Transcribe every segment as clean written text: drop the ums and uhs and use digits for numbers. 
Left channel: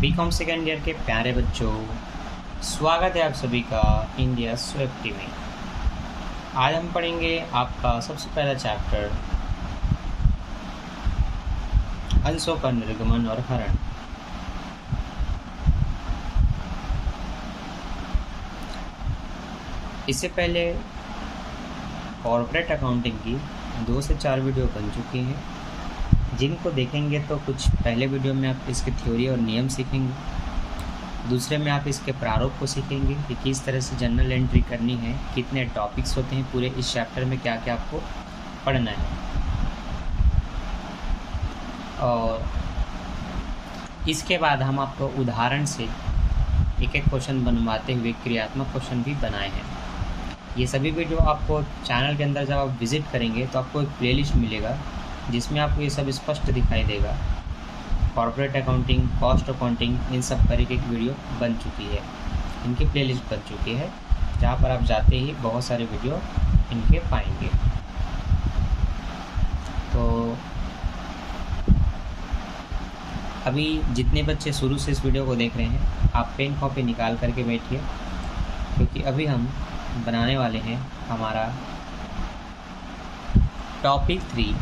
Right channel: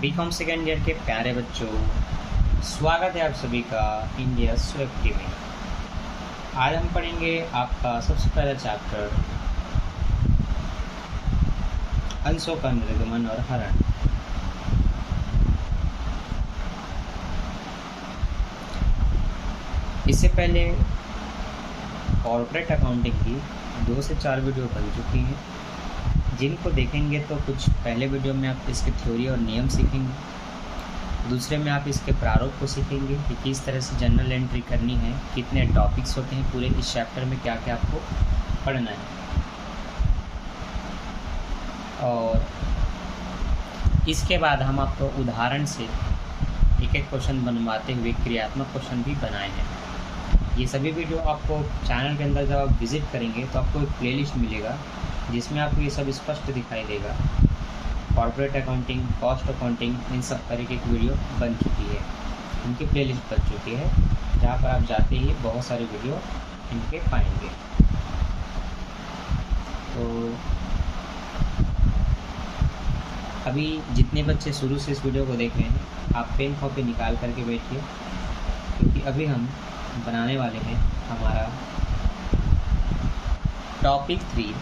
BCom second year के प्यारे बच्चों, स्वागत है आप सभी का इंडिया स्विफ्ट में। आज हम पढ़ेंगे आपका सबसे पहला चैप्टर अंशों का निर्गमन और हरण। इससे पहले कॉर्पोरेट अकाउंटिंग की 2 से 4 वीडियो बन चुकी हैं, जिनको देखेंगे तो कुछ पहले वीडियो में आप इसके थ्योरी और नियम सीखेंगे, दूसरे में आप इसके प्रारूप को सीखेंगे कि किस तरह से जनरल एंट्री करनी है, कितने टॉपिक्स होते हैं पूरे इस चैप्टर में, क्या क्या आपको पढ़ना है। और इसके बाद हम आपको उदाहरण से एक एक क्वेश्चन बनवाते हुए क्रियात्मक क्वेश्चन भी बनाए हैं। ये सभी वीडियो आपको चैनल के अंदर जब आप विज़िट करेंगे तो आपको एक प्लेलिस्ट मिलेगा जिसमें आपको ये सब स्पष्ट दिखाई देगा। कॉर्पोरेट अकाउंटिंग, कॉस्ट अकाउंटिंग, इन सब तरह की वीडियो बन चुकी है, इनकी प्लेलिस्ट बन चुकी है, जहाँ पर आप जाते ही बहुत सारे वीडियो इनके पाएंगे। तो अभी जितने बच्चे शुरू से इस वीडियो को देख रहे हैं, आप पेन कॉपी निकाल करके बैठिए, क्योंकि अभी हम बनाने वाले हैं हमारा टॉपिक 3।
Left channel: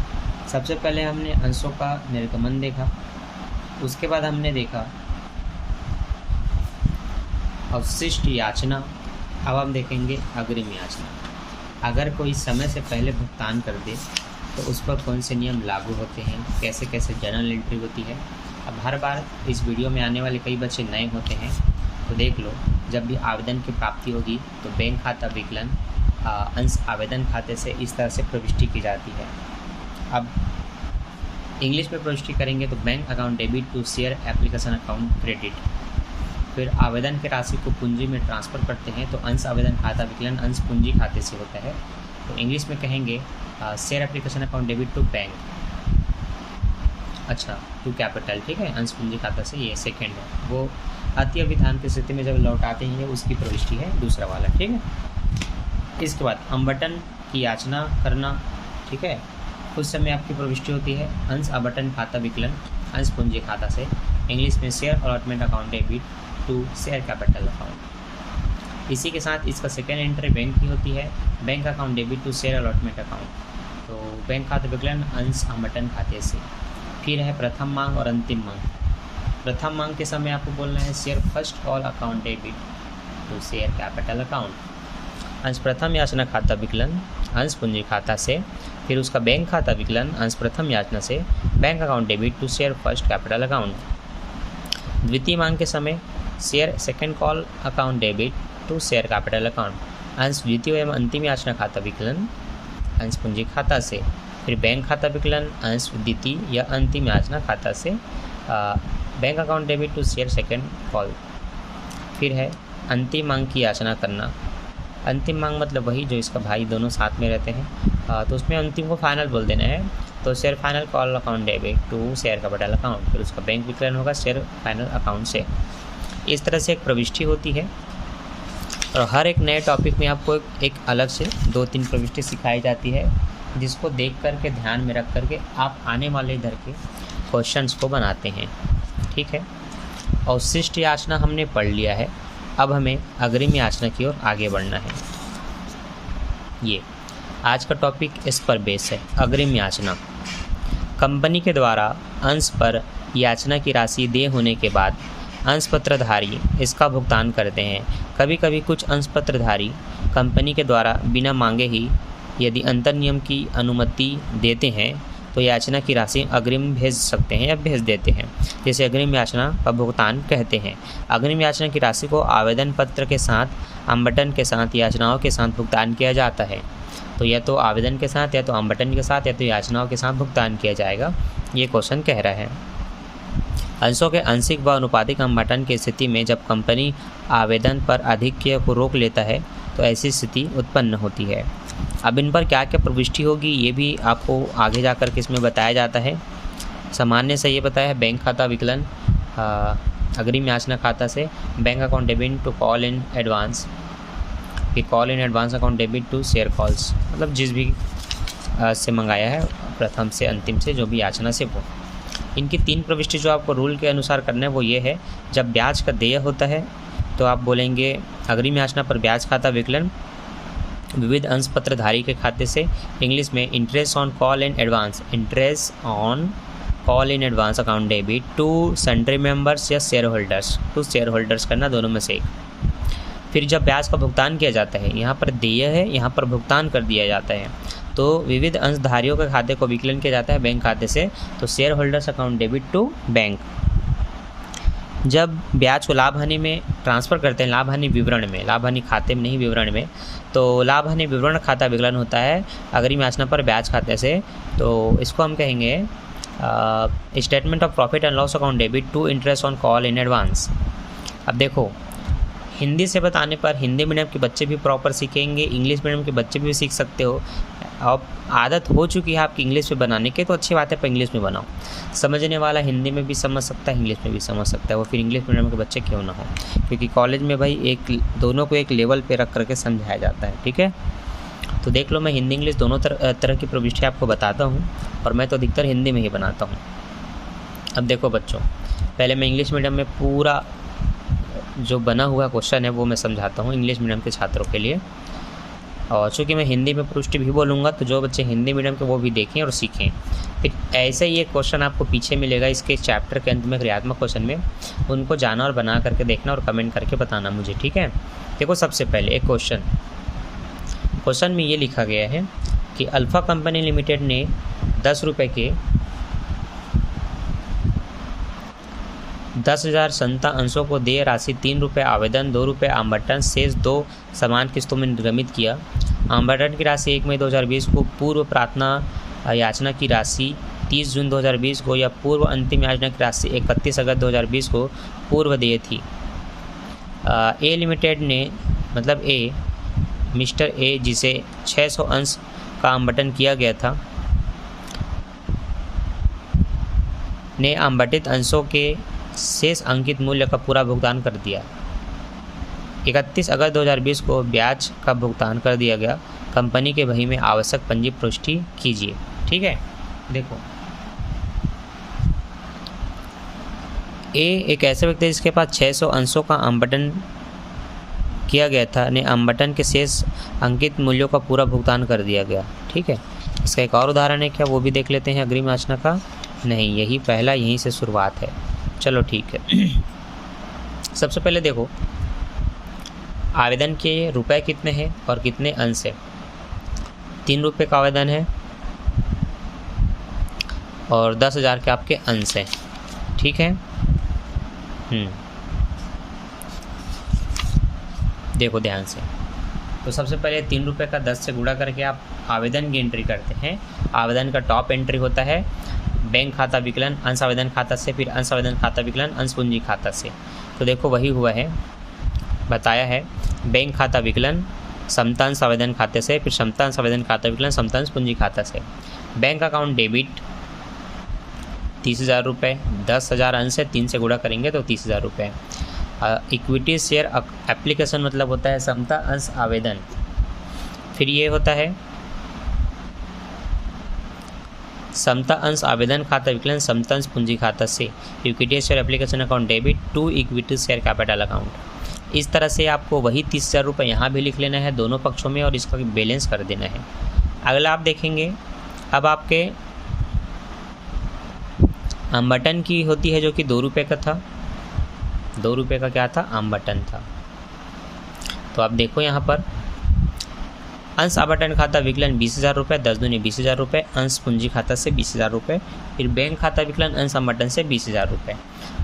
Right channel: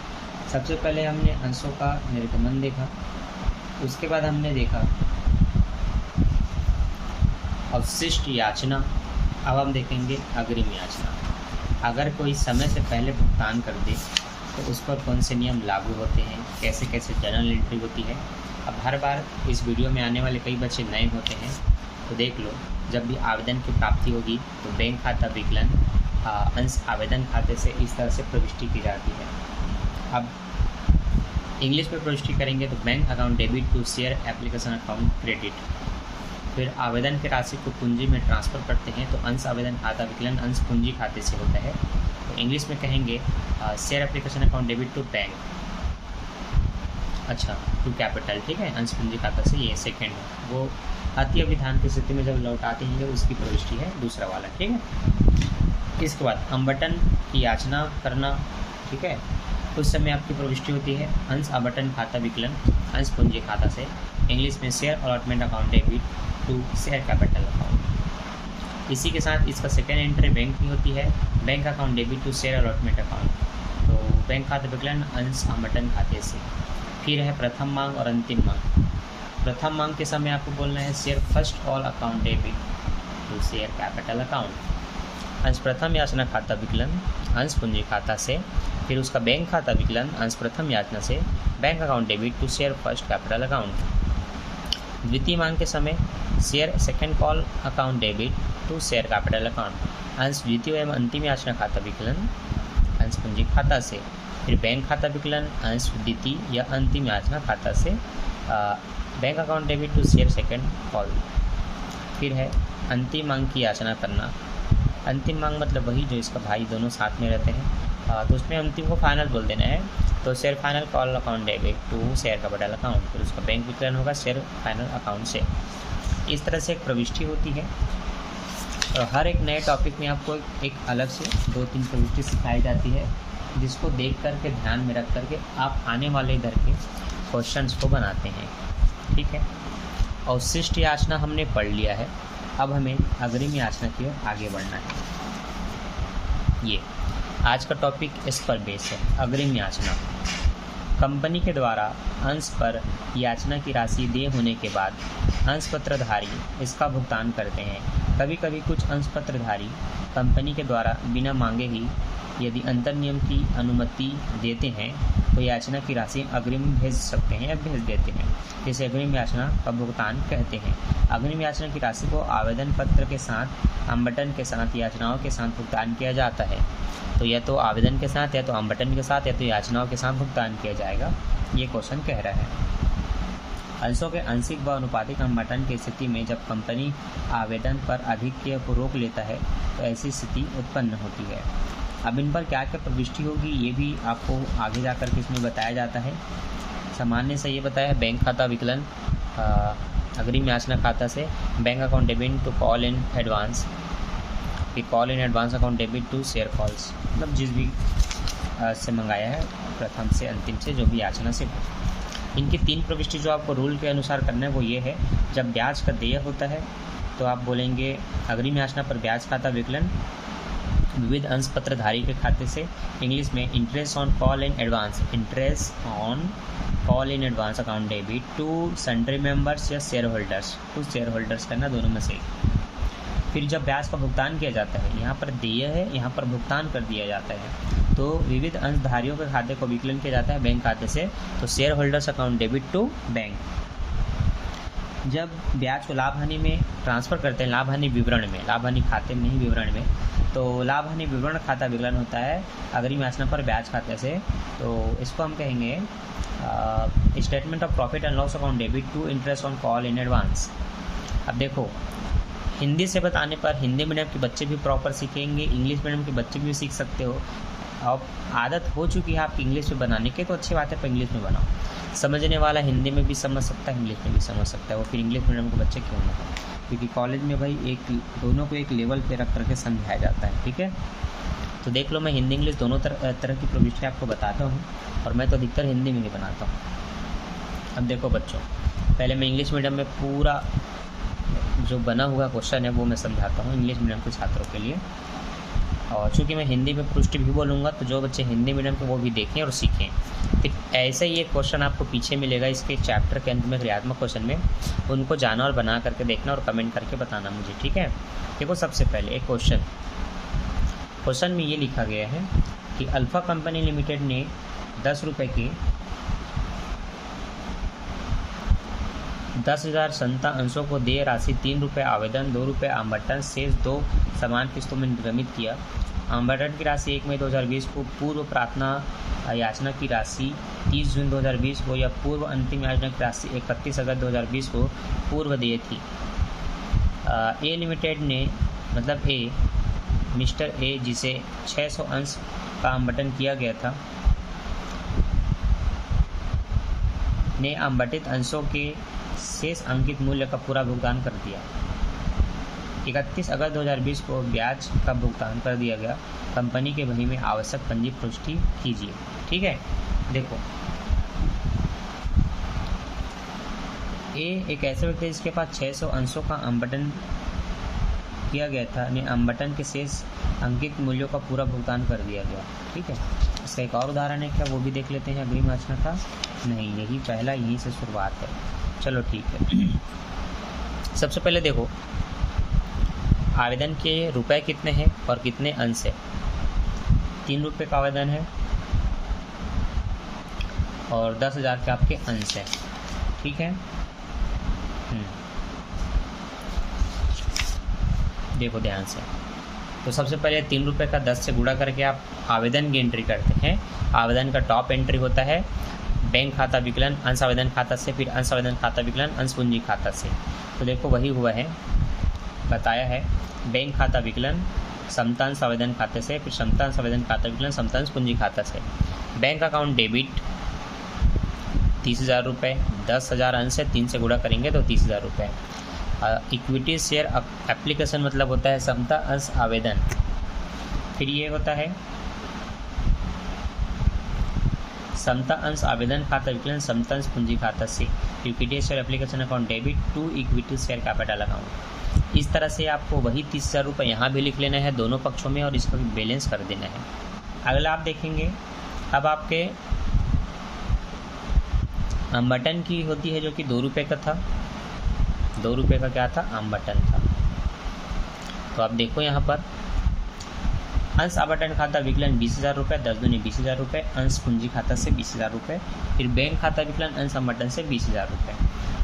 सबसे पहले हमने अंशों का निर्गमन देखा, उसके बाद हमने देखा अवशिष्ट याचना, अब हम देखेंगे अग्रिम याचना। अगर कोई समय से पहले भुगतान कर दे तो उस पर कौन से नियम लागू होते हैं, कैसे कैसे जनरल एंट्री होती है। अब हर बार इस वीडियो में आने वाले कई बच्चे नए होते हैं, तो देख लो, जब भी आवेदन की प्राप्ति होगी तो बैंक खाता विकलन अंश आवेदन खाते से इस तरह से प्रविष्टि की जाती है। अब इंग्लिश में प्रविष्टि करेंगे तो bank account debit to share application account credit. फिर आवेदन की राशि को पूंजी में ट्रांसफ़र करते हैं तो अंश आवेदन खाता विकलन अंश पूंजी खाते से होता है। तो इंग्लिश में कहेंगे share application account debit to bank, अच्छा टू कैपिटल, ठीक है, अंश पूंजी खाता से ये सेकेंड है। वो अति अभिधान की स्थिति में जब लौटाते हैं उसकी प्रविष्टि है दूसरा वाला, ठीक है। इसके बाद आवंटन की याचना करना, ठीक है, उस समय आपकी प्रविष्टि होती है अंश आवंटन खाता विकलन अंश पूंजी खाता से। इंग्लिश में share allotment account debit to share capital account. इसी के साथ इसका सेकेंड एंट्री बैंक की होती है, bank account debit to share allotment account. तो बैंक खाता विकलन अंश आवंटन खाते से। फिर है प्रथम मांग और अंतिम मांग। प्रथम मांग के समय आपको बोलना है share first call account debit to share capital account. अंश प्रथम याचना खाता विकलन अंश पूंजी खाता से। फिर उसका बैंक खाता विकलन अंश प्रथम याचना से bank account debit to share first capital account. द्वितीय मांग के समय share second call account debit to share capital account. अंश द्वितीय एवं अंतिम याचना खाता विकलन अंश पूंजी खाता से। फिर बैंक खाता विकलन अंश द्वितीय या अंतिम याचना खाता से bank account debit to share second call. फिर है अंतिम मांग की याचना करना। अंतिम मांग मतलब वही जो इसका भाई दोनों साथ में रहते हैं, तो उसमें अंतिम को फाइनल बोल देना है, तो share final call account debit to share capital account. फिर उसका बैंक विकलन होगा शेयर फाइनल अकाउंट से। इस तरह से एक प्रविष्टि होती है, और हर एक नए टॉपिक में आपको एक अलग से 2-3 प्रविष्टि सिखाई जाती है, जिसको देख करके ध्यान में रख करके आप आने वाले इधर के क्वेश्चंस को बनाते हैं, ठीक है। अवशिष्ट याचना हमने पढ़ लिया है, अब हमें अग्रिम याचना की ओर आगे बढ़ना है। ये आज का टॉपिक इस पर बेस है, अग्रिम याचना। कंपनी के द्वारा अंश पर याचना की राशि देय होने के बाद अंश पत्रधारी इसका भुगतान करते हैं। कभी कभी कुछ अंश पत्रधारी कंपनी के द्वारा बिना मांगे ही यदि अंतर नियम की अनुमति देते हैं तो याचना की राशि अग्रिम भेज सकते हैं या भेज देते हैं, जिसे अग्रिम याचना का भुगतान कहते हैं। अग्रिम याचना की राशि को आवेदन पत्र के साथ आवंटन के साथ याचनाओं के साथ भुगतान किया जाता है। तो या तो आवेदन के साथ, या तो आवंटन के साथ, या तो याचनाओं के साथ भुगतान किया जाएगा, ये क्वेश्चन कह रहा है। अंशों के आंशिक व अनुपातिक आवंटन की स्थिति में जब कंपनी आवेदन पर आधिक्य को रोक लेता है तो ऐसी स्थिति उत्पन्न होती है। अब इन पर क्या क्या प्रविष्टि होगी ये भी आपको आगे जाकर के इसमें बताया जाता है। सामान्य से ये बताया है बैंक खाता विकलन अग्रिम याचना खाता से bank account debit to call in advance, कि call in advance account debit to share calls, मतलब जिस भी से मंगाया है प्रथम से अंतिम से जो भी याचना से वो। इनकी 3 प्रविष्टि जो आपको रूल के अनुसार करना है वो ये है, जब ब्याज का देय होता है तो आप बोलेंगे अग्रिम याचना पर ब्याज खाता विकलन विविध अंश पत्रधारी के खाते से, इंग्लिश में interest on call in advance, interest on call in advance account debit to sundry members या share holders, to share holders करना, दोनों में से एक। फिर जब ब्याज का भुगतान किया जाता है, यहाँ पर देय है, यहाँ पर भुगतान कर दिया जाता है, तो विविध अंशधारियों के खाते को विकलन किया जाता है बैंक खाते से, तो shareholders account debit to bank. जब ब्याज को लाभ हानि में ट्रांसफ़र करते हैं, लाभ हानि विवरण में, लाभ हानि खाते में नहीं विवरण में, तो लाभ हानि विवरण खाता विकलन होता है अग्रिम याचना पर ब्याज खाते से, तो इसको हम कहेंगे statement of profit and loss account debit to interest on call in advance. अब देखो, हिंदी से बताने पर हिंदी मीडियम के बच्चे भी प्रॉपर सीखेंगे, इंग्लिश मीडियम के बच्चे भी सीख सकते हो। अब आदत हो चुकी है आपकी इंग्लिश में बनाने की, तो अच्छी बात है, पर इंग्लिश में बनाओ। समझने वाला हिंदी में भी समझ सकता है, इंग्लिश में भी समझ सकता है, वो फिर इंग्लिश मीडियम के बच्चे क्यों ना हो, क्योंकि कॉलेज में भाई एक दोनों को एक लेवल पे रख करके समझाया जाता है। ठीक है, तो देख लो, मैं हिंदी इंग्लिश दोनों तरह की प्रविष्टि आपको बताता हूँ, और मैं तो अधिकतर हिंदी में ही बनाता हूँ। अब देखो बच्चों, पहले मैं इंग्लिश मीडियम में पूरा जो बना हुआ क्वेश्चन है वो मैं समझाता हूँ इंग्लिश मीडियम के छात्रों के लिए, और चूँकि मैं हिंदी में प्रविष्टि भी बोलूँगा, तो जो बच्चे हिंदी मीडियम के वो भी देखें और सीखें। फिर ऐसे ही एक क्वेश्चन आपको पीछे मिलेगा इसके चैप्टर के अंत में, क्रियात्मक क्वेश्चन में, उनको जाना और बना करके देखना और कमेंट करके बताना मुझे। ठीक है, देखो सबसे पहले एक क्वेश्चन में ये लिखा गया है कि अल्फ़ा कंपनी लिमिटेड ने 10 रुपये के 10,000 संता अंशों को देय राशि 3 रुपये आवेदन, 2 रुपये आवंटन, शेष 2 समान किस्तों में निर्गमित किया। आवंटन की राशि 1 मई 2020 को, पूर्व प्रार्थना याचना की राशि 30 जून 2020 को, या पूर्व अंतिम याचना की राशि 31 अगस्त 2020 को पूर्व देय थी। ए लिमिटेड ने, मतलब ए, मिस्टर ए, जिसे 600 अंश का आवंटन किया गया था, ने आवंटित अंशों के शेष अंकित मूल्य का पूरा भुगतान कर दिया। 31 अगस्त 2020 को ब्याज का भुगतान कर दिया गया। कंपनी के बही में आवश्यक पंजी पुष्टि कीजिए। ठीक है, देखो, ए एक ऐसा व्यक्ति है जिसके पास 600 अंशों का आवंटन किया गया था, ने आवंटन के शेष अंकित मूल्यों का पूरा भुगतान कर दिया गया। ठीक है, इसका एक और उदाहरण है क्या, वो भी देख लेते हैं अग्रिम याचना का। नहीं, यही पहला, यहीं से शुरुआत है। चलो ठीक है, सबसे पहले देखो आवेदन के रुपए कितने हैं और कितने अंश है। 3 रुपये का आवेदन है और 10,000 के आपके अंश हैं। ठीक है, देखो ध्यान से, तो सबसे पहले 3 रुपये का 10 से गुणा करके आप आवेदन की एंट्री करते हैं। आवेदन का टॉप एंट्री होता है बैंक खाता विकलन अंश आवेदन खाता से, फिर अंश आवेदन खाता विकलन अंश पूंजी खाता से। तो देखो वही हुआ है, बताया है, बैंक खाता विकलन समता अंश आवेदन खाते से, फिर समता अंश आवेदन खाता विकलन समता अंश पूंजी खाता से। बैंक अकाउंट डेबिट 30,000 रुपये, 10,000 अंश है, 3 से गुणा करेंगे तो 30,000 रुपये। इक्विटी शेयर एप्लीकेशन मतलब होता है समता अंश आवेदन, फिर ये होता है समता अंश आवेदन खाता विकलन समता अंश पूंजी खाता से। Equity share application account debit to equity share capital account. इस तरह से आपको वही 30,000 रुपये यहाँ भी लिख लेना है दोनों पक्षों में, और इसका बैलेंस कर देना है। अगला आप देखेंगे, अब आपके आवंटन की होती है जो कि 2 रुपये का था, 2 रुपये का क्या था, आवंटन था। तो आप देखो यहाँ पर अंश आवंटन खाता विकलन 20,000 रुपये, 10 दूनी 20,000 रुपये, अंश पूंजी खाता से 20,000 रुपये, फिर बैंक खाता विकलन अंश आवंटन से 20,000 रुपये।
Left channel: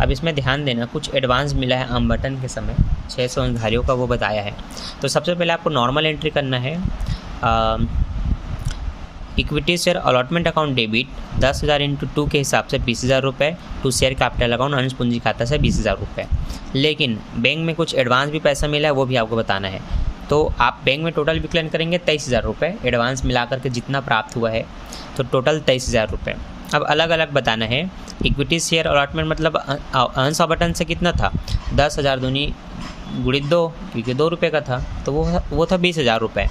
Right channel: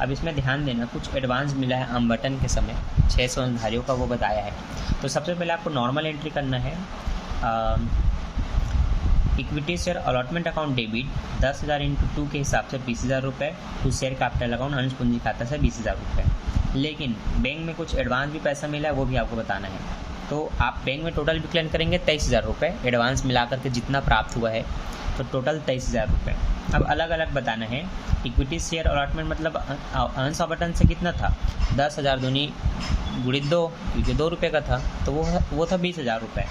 अब इसमें ध्यान देना, कुछ एडवांस मिला है आवंटन के समय, 600 अंशधारियों का वो बताया है। तो सबसे पहले आपको नॉर्मल एंट्री करना है। Equity share allotment account debit 10,000 into 2 के हिसाब से 20,000 रुपये, टू शेयर कैपिटल अकाउंट अंश पूंजी खाता से 20,000 रुपये। लेकिन बैंक में कुछ एडवांस भी पैसा मिला है, वो भी आपको बताना है। तो आप बैंक में टोटल विकलन करेंगे 23,000 रुपये, एडवांस मिला करके जितना प्राप्त हुआ है, तो टोटल 23,000 रुपये। अब अलग अलग बताना है। इक्विटी शेयर अलॉटमेंट मतलब अंश आवंटन से कितना था, 10,000 दूनी गुणित 2, क्योंकि 2 रुपये का था, तो वो था 20,000 रुपये।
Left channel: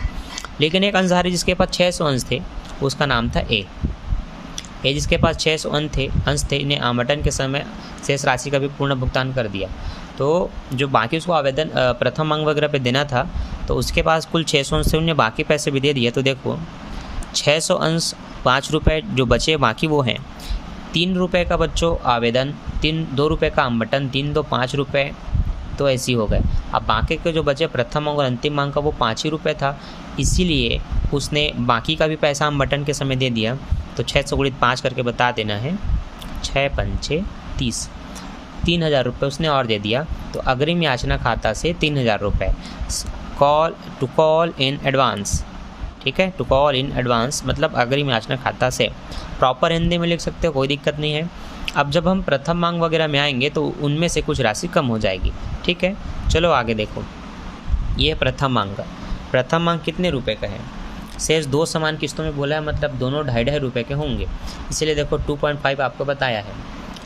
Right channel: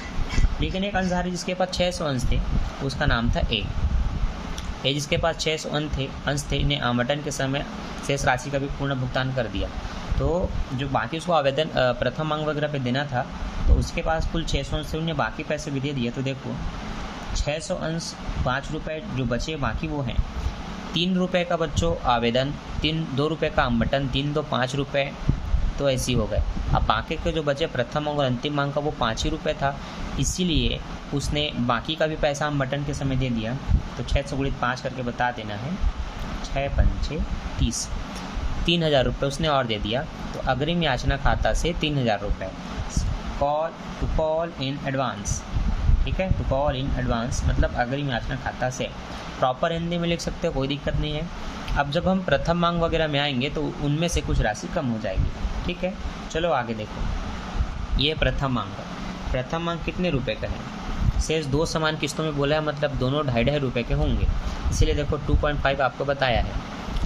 लेकिन एक अंशधारी जिसके पास 600 अंश थे, उसका नाम था ए। ये जिसके पास 600 अंश थे इन्हें आवंटन के समय शेष राशि का भी पूर्ण भुगतान कर दिया। तो जो बाकी उसको आवेदन प्रथम मांग वगैरह पे देना था तो उसके पास कुल 600 अंश से उन्हें बाकी पैसे भी दे दिए। तो देखो 600 अंश 5 रुपये जो बचे बाकी वो हैं 3 रुपये का बच्चों आवेदन, 2 रुपये का आवंटन, 3 2 5 रुपये, तो ऐसे ही हो गए। अब बाकी के जो बचे प्रथम मांग और अंतिम मांग का वो 5 ही रुपये था, इसीलिए उसने बाकी का भी पैसा आवंटन के समय दे दिया। तो 600 गुणित 5 करके बता देना है, 6 पंचे 30, 3000 रुपये उसने और दे दिया। तो अग्रिम याचना खाता से 3000 रुपये कॉल इन एडवांस, ठीक है, टू कॉल इन एडवांस मतलब अग्रिम याचना खाता से। प्रॉपर हिंदी में लिख सकते हो, कोई दिक्कत नहीं है। अब जब हम प्रथम मांग वगैरह में आएंगे तो उनमें से कुछ राशि कम हो जाएगी, ठीक है। चलो आगे देखो, ये प्रथम मांग का, प्रथम मांग कितने रुपए का है? शेष 2 समान किस्तों में बोला है, मतलब दोनों 2.5 रुपये के होंगे, इसीलिए देखो 2.5 आपको बताया है,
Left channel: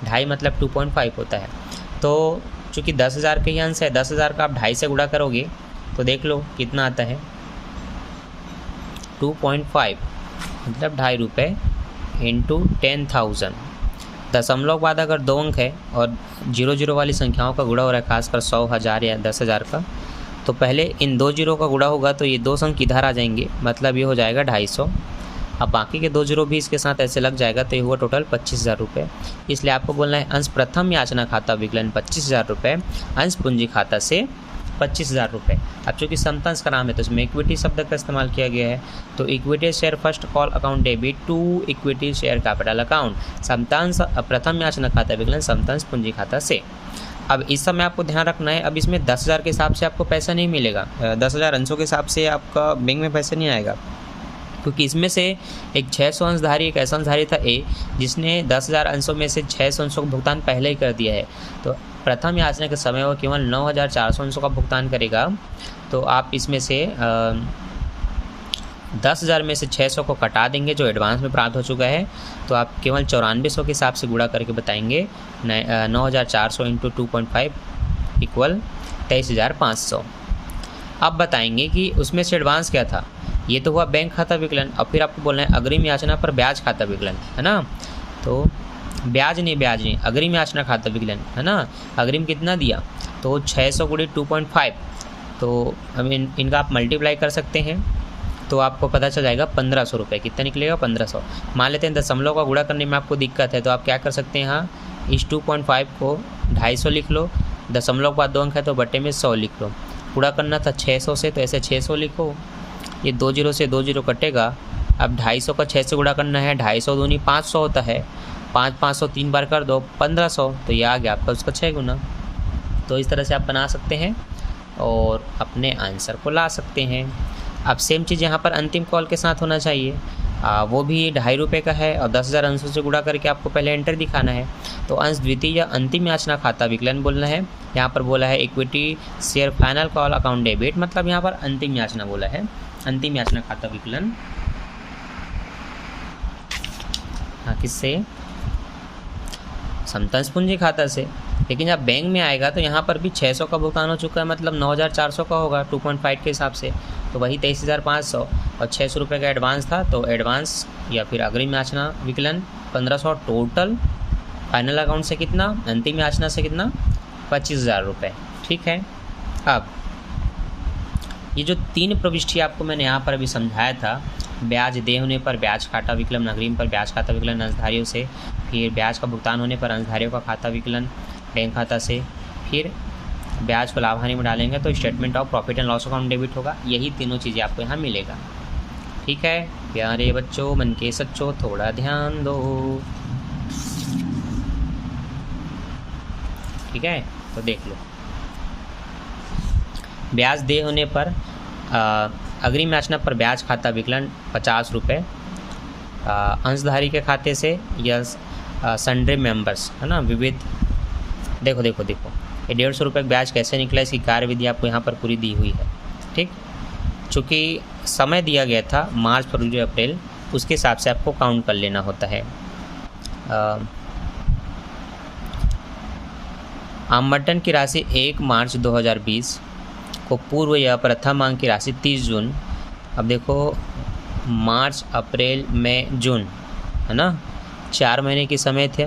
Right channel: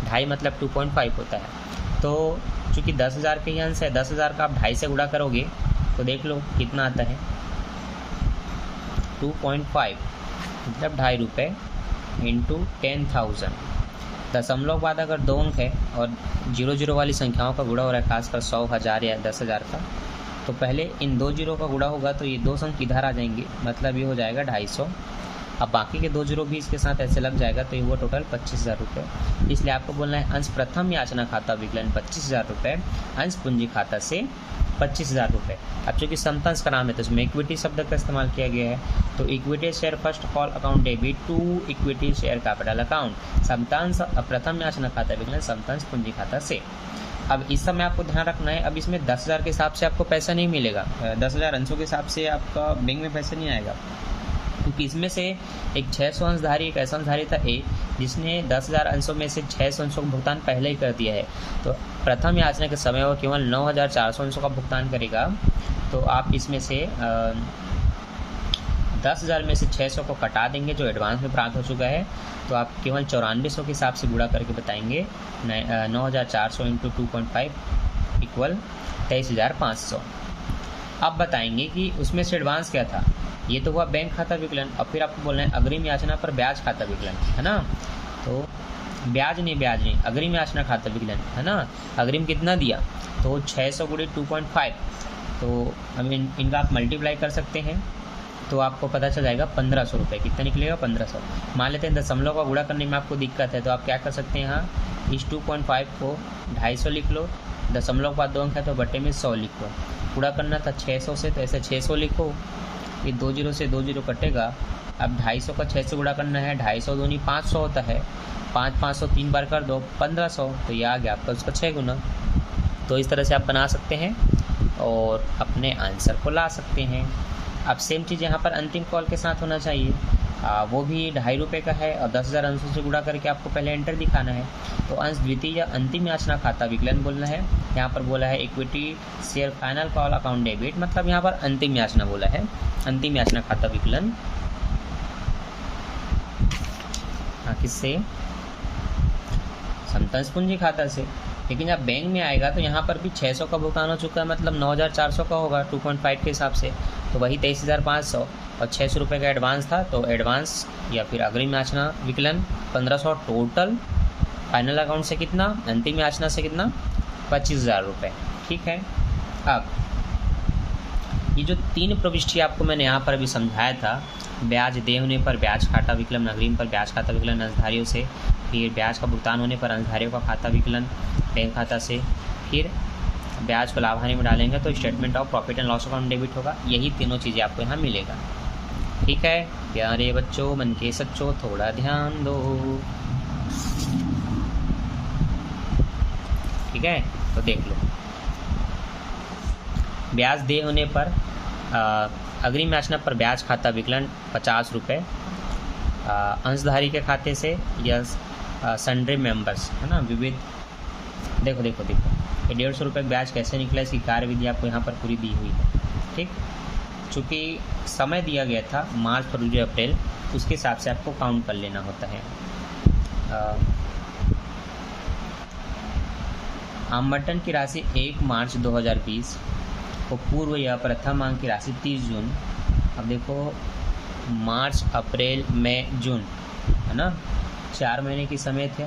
2.5 मतलब 2.5 होता है। तो चूँकि 10,000 के ही अंश है, 10,000 का आप 2.5 से गुणा करोगे तो देख लो कितना आता है, 2.5 मतलब 2.5 रुपये इंटू 10,000। दशमलव बाद अगर 2 अंक है और 0 वाली संख्याओं का गुणा हो रहा है, खासकर 100, 1000 या 10,000 का, तो पहले इन 2 जीरो का गुणा होगा तो ये 2 अंक इधर आ जाएंगे, मतलब ये हो जाएगा 250। अब बाकी के 2 जीरो भी इसके साथ ऐसे लग जाएगा तो ये हुआ टोटल 25,000 रुपये। इसलिए आपको बोलना है अंश प्रथम याचना खाता विकलन 25,000 रुपये, अंश पूंजी खाता से 25,000 रुपये। अब चूँकि समतांश का नाम है तो इसमें इक्विटी शब्द का इस्तेमाल किया गया है। तो equity share first call account debit to equity share capital account, समतांश प्रथम याचना खाता विकलन समतांश पूंजी खाता से। अब इस समय आपको ध्यान रखना है, अब इसमें 10,000 के हिसाब से आपको पैसा नहीं मिलेगा, 10,000 अंशों के हिसाब से आपका बैंक में पैसा नहीं आएगा, क्योंकि इसमें से एक 600 अंशधारी, एक ऐसा अंशधारी था ए जिसने 10,000 अंशों में से 600 अंशों का भुगतान पहले ही कर दिया है। तो प्रथम याचना के समय वो केवल 9,400 अंशों का भुगतान करेगा। तो आप इसमें से 10,000 में से 600 को कटा देंगे जो एडवांस में प्राप्त हो चुका है, तो आप केवल 9400 के हिसाब से गुणा करके बताएंगे 9,400 इंटू 2.5 इक्वल 23,500। अब बताएंगे कि उसमें से एडवांस क्या था, ये तो हुआ बैंक खाता विकलन। और फिर आपको बोलना है अग्रिम याचना पर ब्याज खाता विकलन, है ना। तो ब्याज नहीं, अग्रिम याचना खाता विकलन, है ना। अग्रिम कितना दिया, तो 600 गुणित 2.5, तो हम इनका आप मल्टीप्लाई कर सकते हैं तो आपको पता चल जाएगा 1,500 रुपये। कितना निकलेगा, 1,500। मान लेते हैं दशमलव का गुणा करने में आपको दिक्कत है, तो आप क्या कर सकते हैं, यहाँ इस 2.5 को 250 लिख लो, दशमलव के बाद 2 अंक है तो बट्टे में 100 लिख लो। गुणा करना था 600 से तो ऐसे 600 लिखो, ये 2 जीरो से 2 जीरो कटेगा। अब 250 का 6 से गुणा करना है, 250 दूनी 500 होता है, 500 3 बार कर दो 1,500, तो ये आ गया आपका उसका 6 गुना। तो इस तरह से आप बना सकते हैं और अपने आंसर को ला सकते हैं। अब सेम चीज़ यहाँ पर अंतिम कॉल के साथ होना चाहिए, वो भी 2.5 रुपये का है और 10,000 अंशों से गुणा करके आपको पहले एंटर दिखाना है। तो अंश द्वितीय या अंतिम याचना खाता विकलन बोलना है। यहाँ पर बोला है equity share final call account debit, मतलब यहाँ पर अंतिम याचना बोला है, अंतिम याचना खाता विकलन। हाँ, किससे, समतांश पूंजी खाता से। लेकिन जब बैंक में आएगा तो यहाँ पर भी 600 का भुगतान हो चुका है, मतलब 9,400 का होगा 2.5 के हिसाब से, तो वही 23,500 और 600 रुपये का एडवांस था, तो एडवांस या फिर अग्रिम याचना विकलन 1,500 टोटल। फाइनल अकाउंट से कितना, अंतिम याचना से कितना, 25,000 रुपये, ठीक है। अब ये जो 3 प्रविष्टि आपको मैंने यहाँ पर अभी समझाया था, ब्याज देय होने पर ब्याज खाता विकलन, अग्रिम पर ब्याज खाता विकलन अंशधारियों से, फिर ब्याज का भुगतान होने पर अंशधारियों का खाता विकलन बैंक खाता से, फिर ब्याज को लाभ हानि में डालेंगे तो statement of profit and loss account debit होगा। यही तीनों चीज़ें आपको यहाँ मिलेगा, ठीक है। प्यारे बच्चों, मन के सच्चों, थोड़ा ध्यान दो, ठीक है। तो देख लो, ब्याज देय होने पर अग्रिम याचना पर ब्याज खाता विकलन 50 रुपये अंशधारी के खाते से या सन्ड्री मेंबर्स, है ना, विविध। देखो ये 150 रुपये ब्याज कैसे निकला, इसकी कार्यविधि आपको यहाँ पर पूरी दी हुई है, ठीक। चूँकि समय दिया गया था मार्च, फरवरी, अप्रैल, उसके हिसाब से आपको काउंट कर लेना होता है। आवंटन की राशि 1 मार्च 2020 को पूर्व या प्रथम मांग की राशि 30 जून। अब देखो मार्च, अप्रैल, मई, जून, है ना, 4 महीने की समय थे,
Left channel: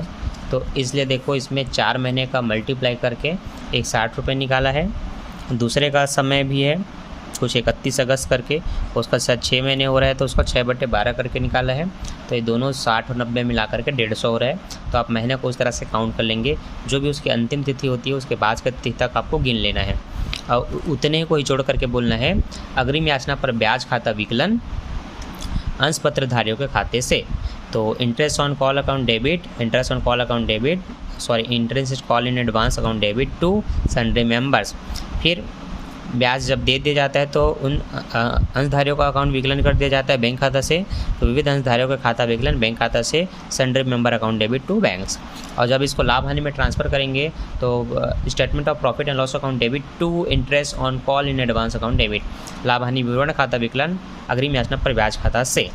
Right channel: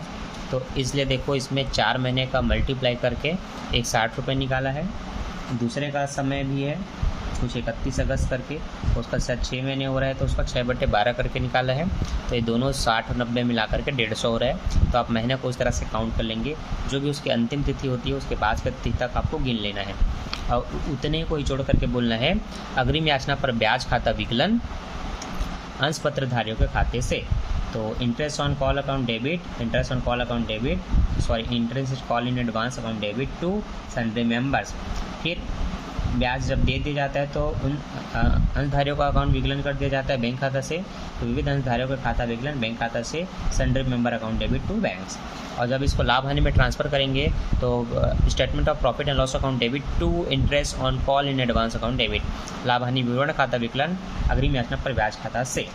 तो इसलिए देखो इसमें 4 महीने का मल्टीप्लाई करके एक 60 रुपये निकाला है। दूसरे का समय भी है कुछ 31 अगस्त करके, उसका शायद 6 महीने हो रहा है, तो उसका 6/12 करके निकाला है। तो ये दोनों 60 और 90 मिला करके 150 हो रहा है। तो आप महीने को उस तरह से काउंट कर लेंगे, जो भी उसकी अंतिम तिथि होती है उसके बाद की तिथि तक आपको गिन लेना है और उतने को ही जोड़ करके बोलना है अग्रिम याचना पर ब्याज खाता विकलन अंश पत्रधारियों के खाते से। तो interest on call account debit, interest on call account debit, interest call in advance account debit to sundry members. फिर ब्याज जब दे दिया जाता है तो उन अंशधारियों का अकाउंट विकलन कर दिया जाता है बैंक खाता से। तो विविध अंशधारियों का खाता विकलन बैंक खाता से sundry member account debit to banks. और जब इसको लाभ हानि में ट्रांसफ़र करेंगे तो statement of profit and loss account debit to interest on call in advance account debit. लाभ हानि विवरण खाता विकलन अग्रिम याचना पर ब्याज खाता से।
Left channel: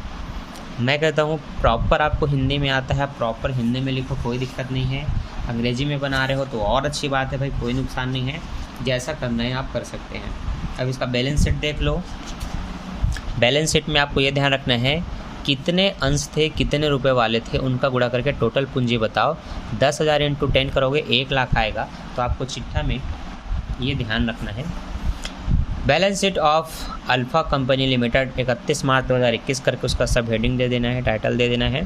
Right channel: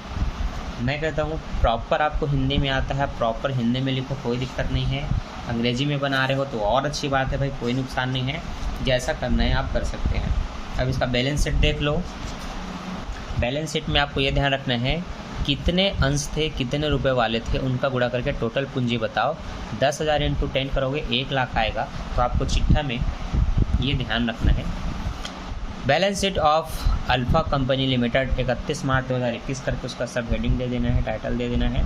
मैं कहता हूँ प्रॉपर आपको हिंदी में आता है, प्रॉपर हिंदी में लिखो, कोई दिक्कत नहीं है। अंग्रेजी में बना रहे हो तो और अच्छी बात है भाई, कोई नुकसान नहीं है, जैसा करना है आप कर सकते हैं। अब इसका बैलेंस शीट देख लो। बैलेंस शीट में आपको ये ध्यान रखना है कितने अंश थे, कितने रुपए वाले थे, उनका गुणा करके टोटल पूंजी बताओ। 10,000 × 10 करोगे 1 लाख आएगा। तो आपको चिट्ठा में ये ध्यान रखना है। Balance sheet of alpha company limited 31 मार्च 2021 करके उसका सब हेडिंग दे देना है, टाइटल दे देना है।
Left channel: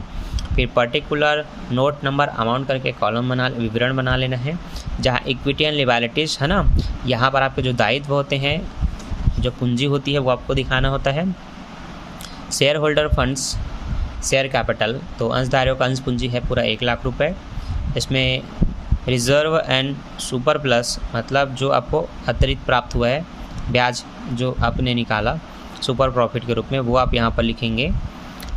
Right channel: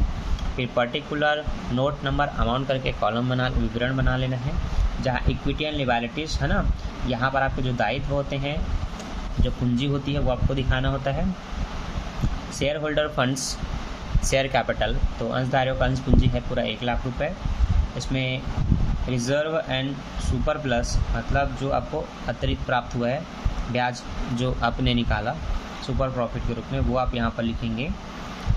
फिर पर्टिकुलर नोट नंबर अमाउंट करके कॉलम विवरण बना लेना है। जहाँ इक्विटी एंड लियबिलिटीज है ना, यहाँ पर आपके जो दायित्व होते हैं, जो पूंजी होती है वो आपको दिखाना होता है। Share holder funds, share capital, तो अंशधारियों का अंश पूंजी है पूरा 1 लाख रुपए। इसमें रिजर्व एंड सुपर प्लस मतलब जो आपको अतिरिक्त प्राप्त हुआ है, ब्याज जो आपने निकाला सुपर प्रॉफिट के रूप में, वो आप यहाँ पर लिखेंगे।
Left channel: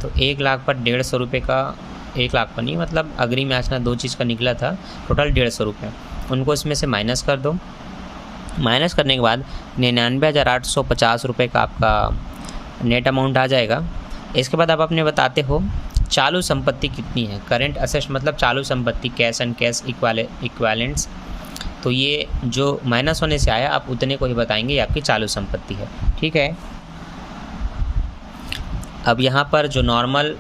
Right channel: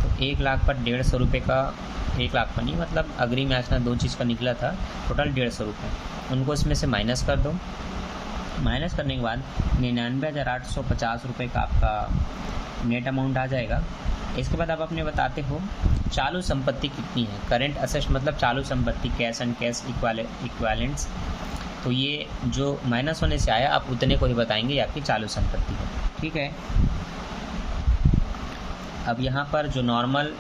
तो 1 लाख पर 150 रुपये का, 1 लाख पर नहीं मतलब अग्रिम याचना 2 चीज़ का निकला था, टोटल 150 रुपये, उनको इसमें से माइनस कर दो। माइनस करने के बाद 99,850 रुपये का आपका नेट अमाउंट आ जाएगा। इसके बाद आप अपने बताते हो चालू संपत्ति कितनी है। करेंट असेट्स मतलब चालू संपत्ति, कैश एंड कैश इक्वालेंट्स। तो ये जो माइनस होने से आया आप उतने को ही बताएंगे, ये आपकी चालू संपत्ति है, ठीक है। अब यहाँ पर जो नॉर्मल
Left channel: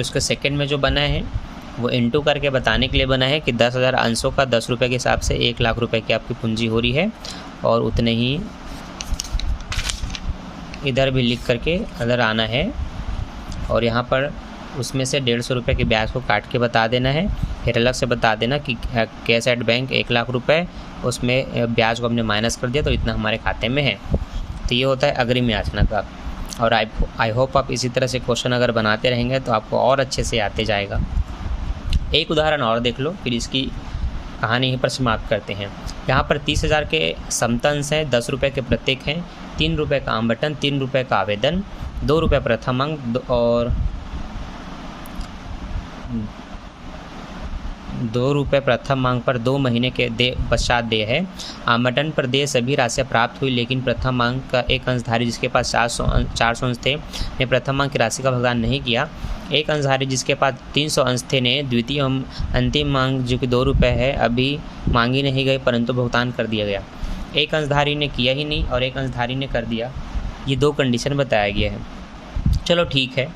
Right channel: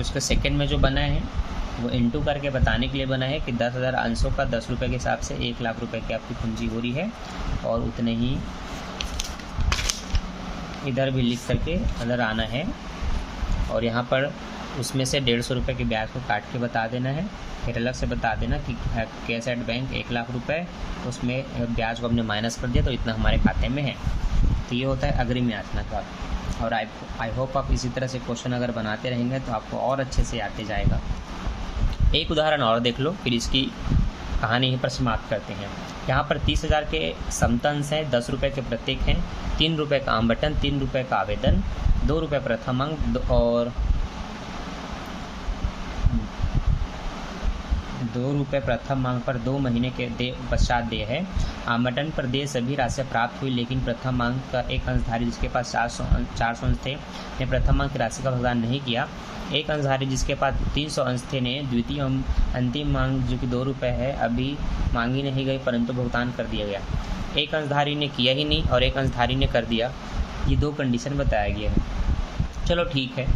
उसके सेकंड में जो बना है वो इनटू करके बताने के लिए बना है कि 10,000 अंशों का 10 रुपये के हिसाब से 1 लाख रुपए की आपकी पूंजी हो रही है। और उतने ही इधर भी लिख करके अगर आना है और यहाँ पर उसमें से 150 रुपये के ब्याज को काट के बता देना है। फिर अलग से बता देना कि कैश एट बैंक 1 लाख रुपए, उसमें ब्याज को हमने माइनस कर दिया तो इतना हमारे खाते में है। तो ये होता है अग्रिम याचना का। और आई होप आप इसी तरह से क्वेश्चन अगर बनाते रहेंगे तो आपको और अच्छे से आते जाएगा। एक उदाहरण और देख लो, फिर इसकी कहानी यहीं पर समाप्त करते हैं। यहाँ पर 30,000 के समतंश हैं, 10 रुपये के प्रत्येक हैं, 3 रुपये का आवंटन, 3 रुपये का आवेदन, 2 रुपये प्रथम अंक और 2 रुपये प्रथम मांग पर 2 महीने के पश्चात देय है। आवंटन पर देय सभी राशियाँ प्राप्त हुई, लेकिन प्रथम मांग का एक अंशधारी जिसके पास 400 अंश थे ने प्रथम मांग की राशि का भुगतान नहीं किया। एक अंशधारी जिसके पास 300 अंश थे ने द्वितीय अंतिम मांग जो कि 2 रुपये है अभी मांगी नहीं गई परंतु भुगतान कर दिया गया। एक अंशधारी ने किया ही नहीं और एक अंशधारी ने कर दिया। ये 2 कंडीशन बताया गया है। चलो ठीक है,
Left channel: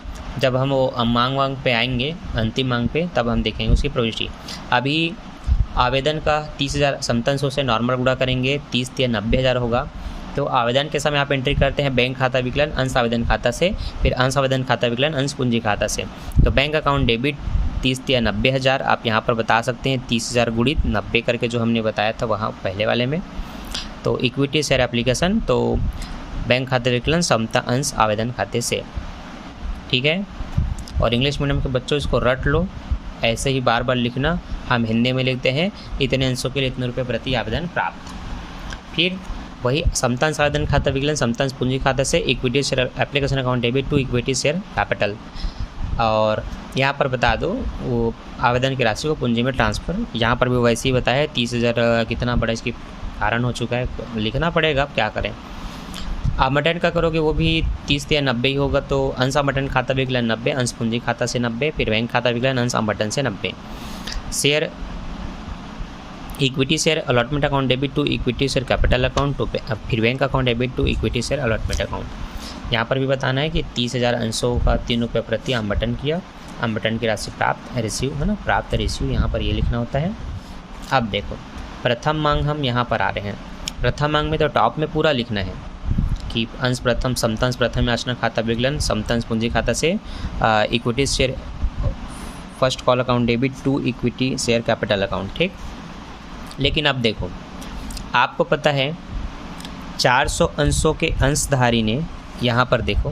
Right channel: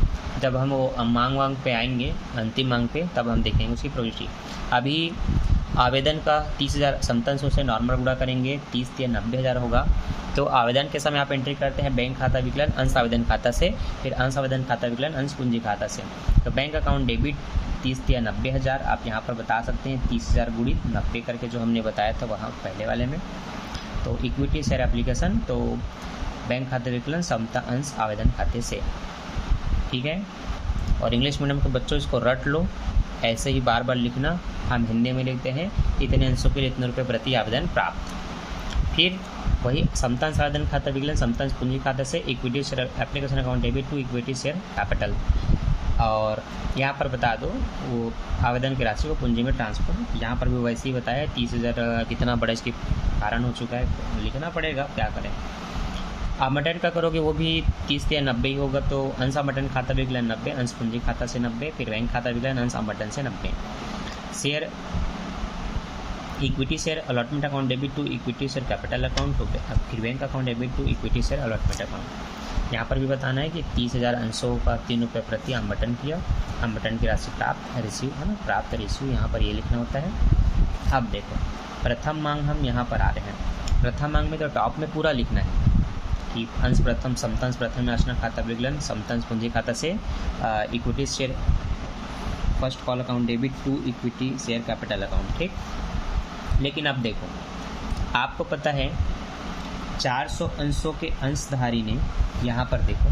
जब हम वो मांग पे आएंगे, अंतिम मांग पे, तब हम देखेंगे उसकी प्रविष्टि। अभी आवेदन का 30,000 समतंशों से नॉर्मल गुणा करेंगे, 30 या 90,000 होगा। तो आवेदन के समय आप एंट्री करते हैं बैंक खाता विकलन अंश आवेदन खाता से, फिर अंश आवेदन खाता विकलन अंश पूंजी खाता से। तो बैंक अकाउंट डेबिट 30 या 90,000 आप यहाँ पर बता सकते हैं, 30,000 गुणित 90 करके जो हमने बताया था वहाँ पहले वाले में। तो इक्विटी शेयर एप्लीकेशन, तो बैंक खाता विकलन समता अंश आवेदन खाते से, ठीक है। और इंग्लिश मीडियम के बच्चों इसको रट लो, ऐसे ही बार बार लिखना। हम हिंदी में लिखते हैं इतने अंशों के लिए इतने रुपये प्रति आवेदन प्राप्त। फिर वही समतांश आवेदन खाता विकलन समतांश पूंजी खाता से, equity share application account debit to equity share capital. और यहाँ पर बता दो वो आवेदन की राशि को पूंजी में ट्रांसफ़र। यहाँ पर भी वैसे ही बताया है 30,000 कितना बड़ा इसकी कारण हो चुका है, लिखना पड़ेगा, क्या करें। आवंटन का करोगे वो भी 30 या 90 ही होगा। तो अंश आवंटन खाता विकलन 90, अंश पूंजी खाता से 90, फिर बैंक खाता विकलन अंश आवंटन से 90। Share equity share allotment account debit to equity share capital account, तो फिर bank account debit to equity share allotment account. यहाँ पर भी बताना है कि 30,000 अंशों का 3 रुपये प्रति आवंटन किया, आवंटन की राशि प्राप्त रिसीव है ना, प्राप्त रिसीव यहाँ पर ये लिखना होता है। अब देखो प्रथम मांग हम यहाँ पर आ रहे हैं। प्रथम मांग में तो टॉप में पूरा लिखना है कि अंश प्रथम समतंश प्रथम याचना खाता विकलन समतंश पूंजी खाता से equity share first call account debit to equity share capital account, ठीक। लेकिन अब देखो आपको पता है 400 अंशों के अंशधारी ने यहाँ पर देखो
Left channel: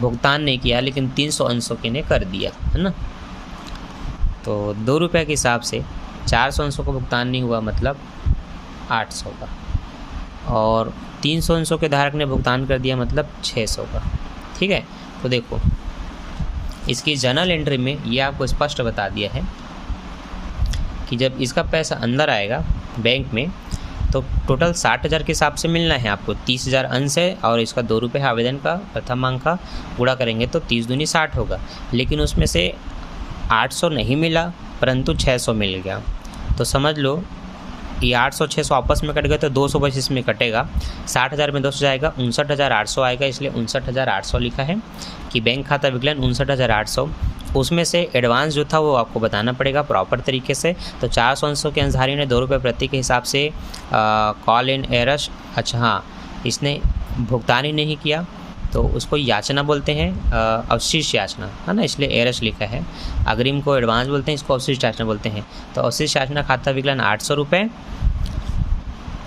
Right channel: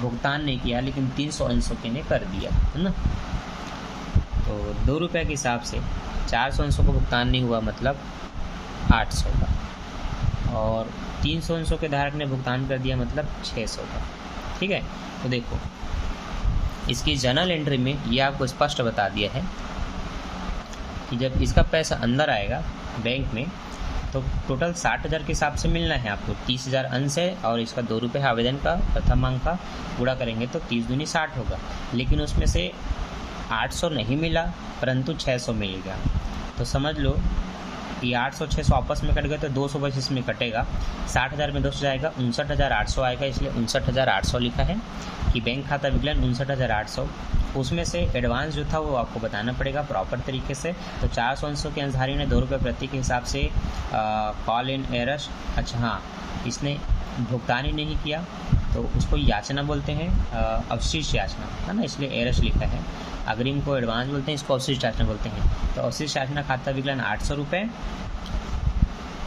भुगतान नहीं किया, लेकिन 300 अंशों के ने कर दिया है ना। तो 2 रुपये के हिसाब से 400 अंशों को भुगतान नहीं हुआ, मतलब 800 का, और 300 अंशों के धारक ने भुगतान कर दिया, मतलब 600 का, ठीक है। तो देखो इसकी जर्नल एंट्री में ये आपको स्पष्ट बता दिया है कि जब इसका पैसा अंदर आएगा बैंक में तो टोटल 60,000 के हिसाब से मिलना है आपको। 30,000 अंश है और इसका 2 रुपये आवेदन का प्रथम मांग का पूरा करेंगे तो 30 दूनी 60 होगा, लेकिन उसमें से 800 नहीं मिला परंतु 600 मिल गया। तो समझ लो ये 800 600 आपस में कट गए तो 200 बस इसमें कटेगा, 60,000 में 200 जाएगा, 59,800 आएगा, इसलिए 59,800 लिखा है कि बैंक खाता विकलन 59,800। उसमें से एडवांस जो था वो आपको बताना पड़ेगा प्रॉपर तरीके से। तो 400 अंशों के अंशधारी ने 2 रुपये प्रति के हिसाब से कॉल इन एरस, अच्छा हाँ इसने भुगतान ही नहीं किया तो उसको याचना बोलते हैं, अवशिष्ट याचना है ना, इसलिए एरस लिखा है। अग्रिम को एडवांस बोलते हैं, इसको अवशिष्ट याचना बोलते हैं। तो अवशिष्ट याचना खाता विकलन 800 रुपये।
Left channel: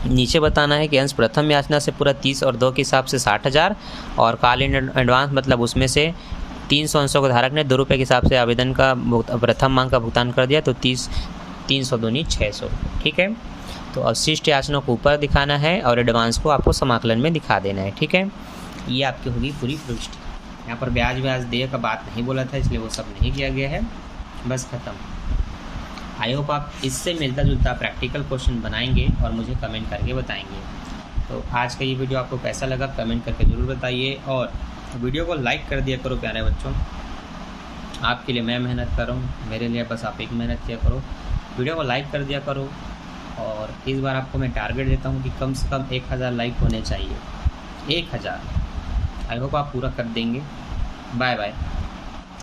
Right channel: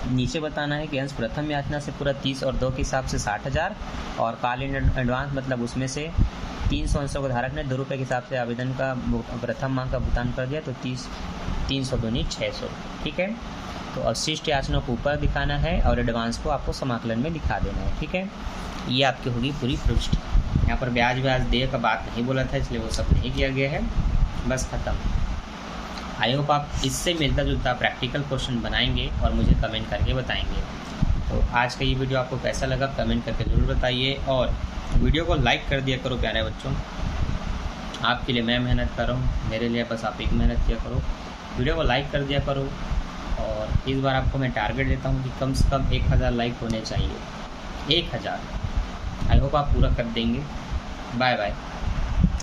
नीचे बताना है कि अंश प्रथम याचना से पूरा 30 और 2 के हिसाब से 60,000 और कॉल इन एडवांस मतलब उसमें से 300 अंशों के धारक ने 2 रुपये के हिसाब से आवेदन का प्रथम मांग का भुगतान कर दिया, तो 300 दूनी 600, ठीक है। तो अवशिष्ट याचना को ऊपर दिखाना है और एडवांस को आपको समाकलन में दिखा देना है, ठीक है। ये आपकी होगी पूरी प्रविष्टि। यहाँ पर ब्याज देय का बात नहीं बोला था, इसलिए वो सब नहीं किया गया है, बस ख़त्म। आई होप आप इससे मिलता जुलता प्रैक्टिकल क्वेश्चन बनाएंगे और मुझे कमेंट करके बताएंगे। तो आज का ये वीडियो आपको कैसा लगा कमेंट करके ज़रूर बताइए, और वीडियो को लाइक कर दिया करो प्यारे बच्चों। आपके लिए मैं मेहनत कर रहा हूँ, मेरे लिए बस आप एक मेहनत किया करो, वीडियो को लाइक कर दिया करो। और इस बार आपको मैं टारगेट देता हूँ कि कम से कम 1000 लाइक होने चाहिए, 1000। आई होप आप पूरा कर देंगे। Bye bye.